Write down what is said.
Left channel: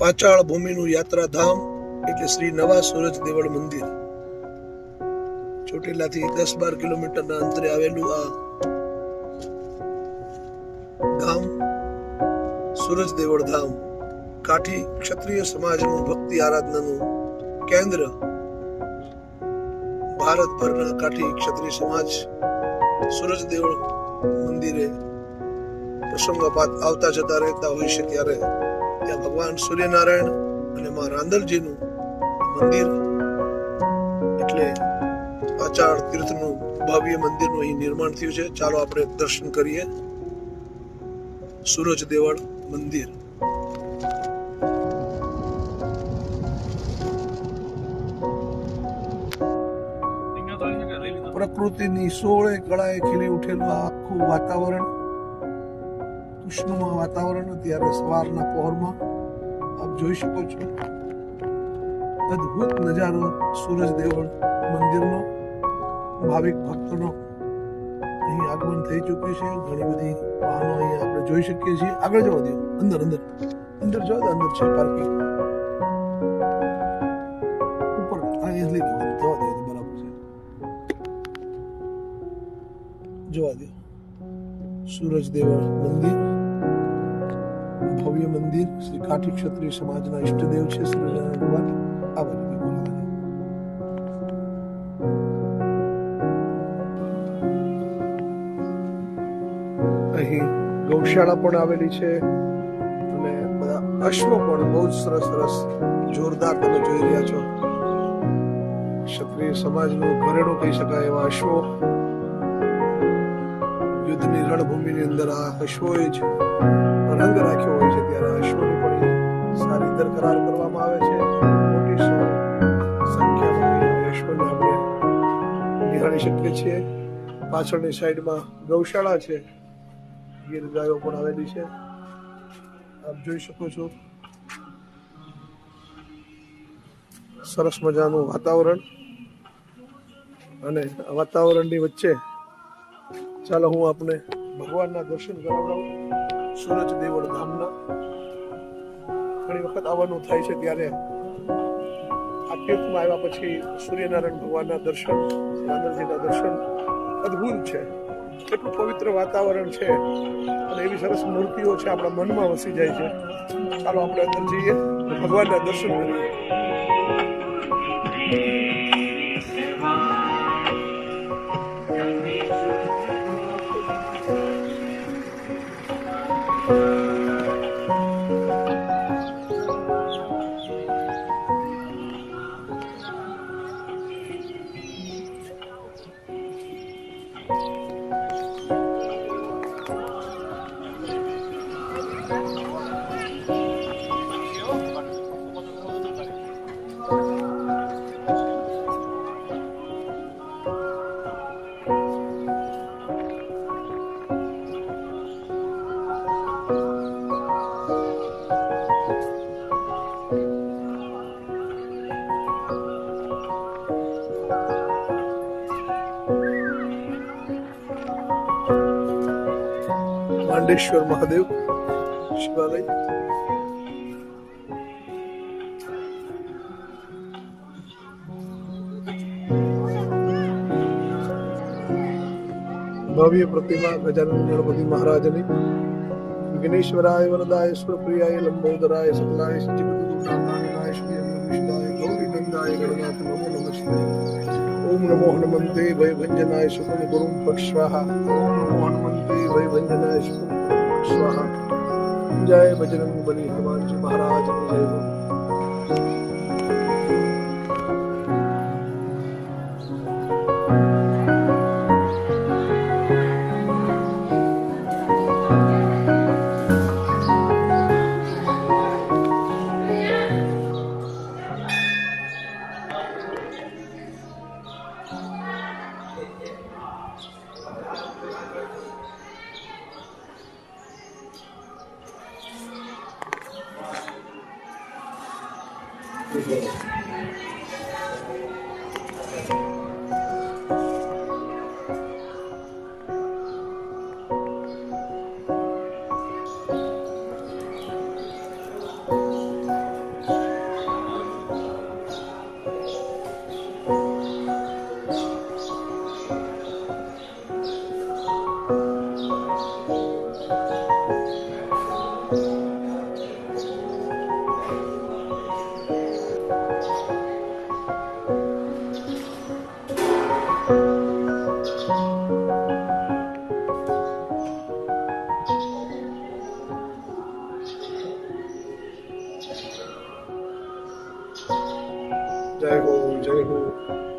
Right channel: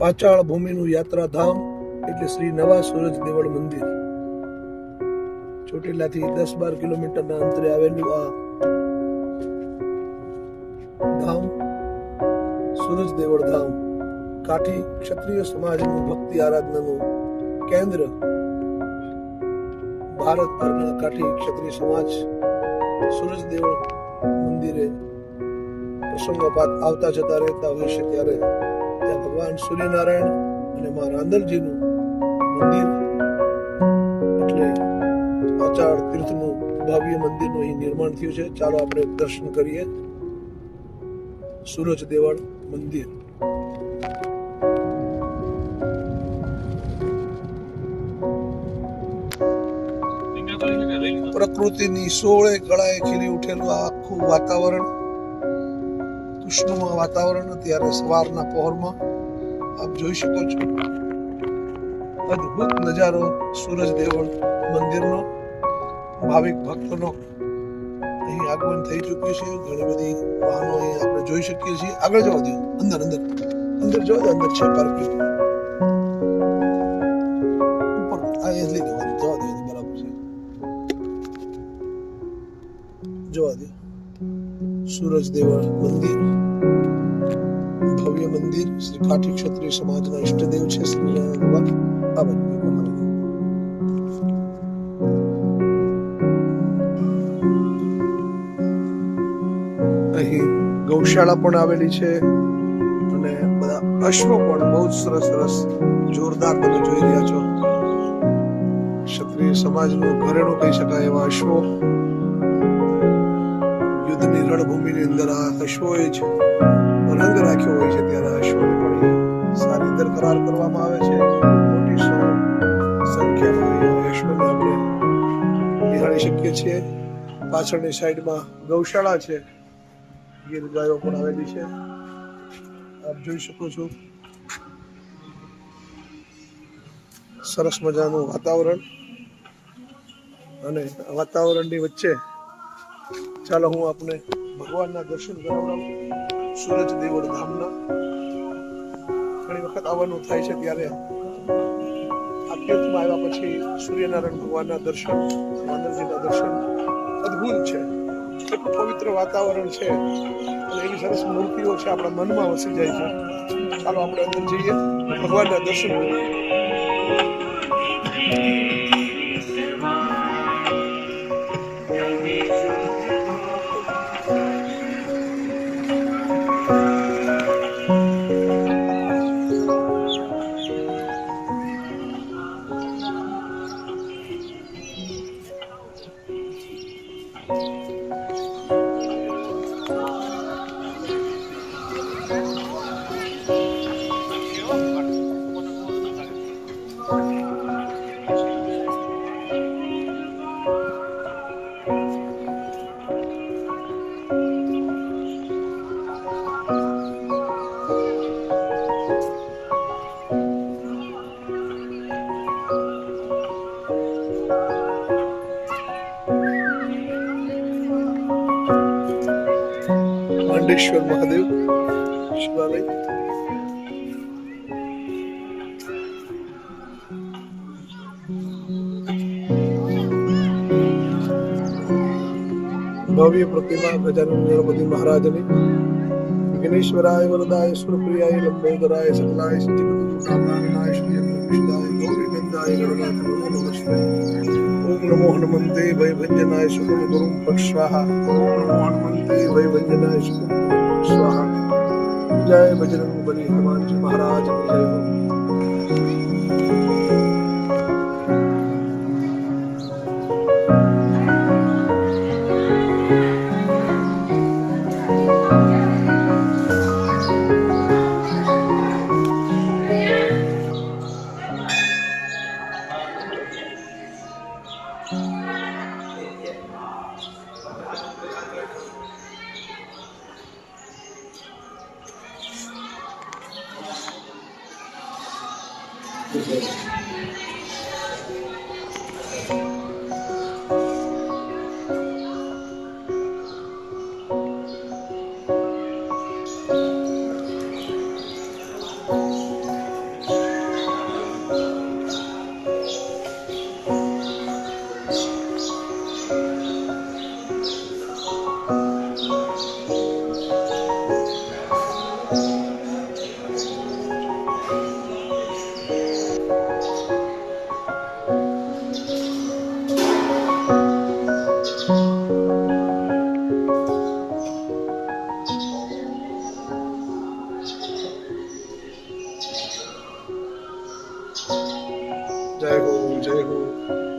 પાચાળ ભૂમિનું યાત્રાધામ એટલે શ્રી નવા સૂરજ દેવળ મંદિર. ચોટીલાથી 10-12 કિલોમીટરના અંતરે આવેલું આ ધામ સૂરજ દેવળ ધામ કાઠી ક્ષત્રિય સમાજનું ભક્તિ આરાધનાનું કેન્દ્ર. ભારતભરના કાઠી ક્ષત્રિય સમાજ સૂરજ દેવળ મંદિરે પ્રસંગોપાત આવતા જતા રહેતા હોય છે, ત્યારે ત્યાં ભગવાન સૂર્યનારાયણ અને મા રાંદલજીનું મંદિર એટલે પાચાળ તીર્થનું ભવ્ય મંદિરનું અહીં નિર્માણ થયું છે. ચાલો આપણે દર્શન કરીએ સૂરજ દેવળ મંદિર. પ્રકૃતિની સોળે કળાએ ખીલી ઉઠેલું આ આખું વાતાવરણ, કૃષ્ણમય વાતાવરણ અત્યારે સવારના પહોરમાં આપ જોઈ શકો છો. અદ્ભુત નજારો સૂરજ દેવળ મંદિરનો. ભાવિક ભક્તોનો અહીં આગમન થઈ ચૂક્યું છે. ઘણી બધી વાહનો અહીં આપણે જોઈ શકીએ છીએ. આગળ જવા દો, અંદર અંદર અંદર જો અંદર છે પાર્કિંગ. ઉપર આ એ લઈ લેવાનું, જવા દો, બરાબર છે. જોવા દો સૂરજ દેવળ મંદિર, ભવ્ય મંદિર. શ્રી કાઠી ક્ષત્રિય સમાજના ઈષ્ટદેવ છે શ્રી ભગવાન. આ બાજુ અહીં ગૌશાળા પણ આવેલી છે અને બધા અશ્વો પણ બહુ જ સરસ સરસ જોરદાર તમે જોઈ રહ્યા છો. ક્ષત્રિય સમાજનું ઘરેણું કહી શકાય એવા અશ્વો. યુદ્ધની રણભૂમિની અંદર આ અશ્વોએ જ રંગ રાખ્યો હોય છે, ત્યારે આ અશ્વોની પણ સારી દરકરાર કરવામાં આવે છે. મોટી સંખ્યામાં અશ્વને આપણે નિહાળી શકીએ છીએ. પાછળની સાઈડમાં ગૌશાળા છે, ગીર ગાયો પણ આવેલી છે, આપ જોઈ શકો છો. સરસ મજાનું વાતાવરણ, અને વાતાવરણની વચ્ચે ચાલો હું આપને ભગવાનના દર્શન કરાવડાવું સૂરજ દેવળ ધામના. ઘણી વખત આવવાનું થાય છે, ત્યારે આ તીર્થમાં આવ્યા પછી સૂર્યનારાયણ ભગવાનના દર્શન, રાંદલજીના દર્શન અદ્ભુત છે. એટલું પવિત્ર વાતાવરણ છે અને એવી સરસ મૂર્તિઓ છે, આપણા મનમાં વસી જાય છે. ચાલો આપણે અંદર જઈએ, ભગવાનના દર્શન કરીએ. માંડેશ્વર મહાદેવ શિવાલય. ભવ્ય પ્રતિમા ગજાનન ગણપતિ મહારાજની. વિઘ્નેશ્વરાય વરદાય સુરપ્રિયાય લંબોદરાય સકલાય જગદગુરુનાથાય શ્રીયંગવિષ્ટાય ગૌરીનંદાય ગણનાથ નમો નમસ્તે. ઓમ નમો હનુમંતે ભયભંજનાય સુકુમ ગુરુમ ફટ સ્વાહા. ઓમ નમો હનુમંતે ભયભંજનાય સુકુમ ગુરુમ ફટ સ્વાહા. જય બજરંગ બલી હનુમાનજી મહારાજ જય હો. જય હો જય હો.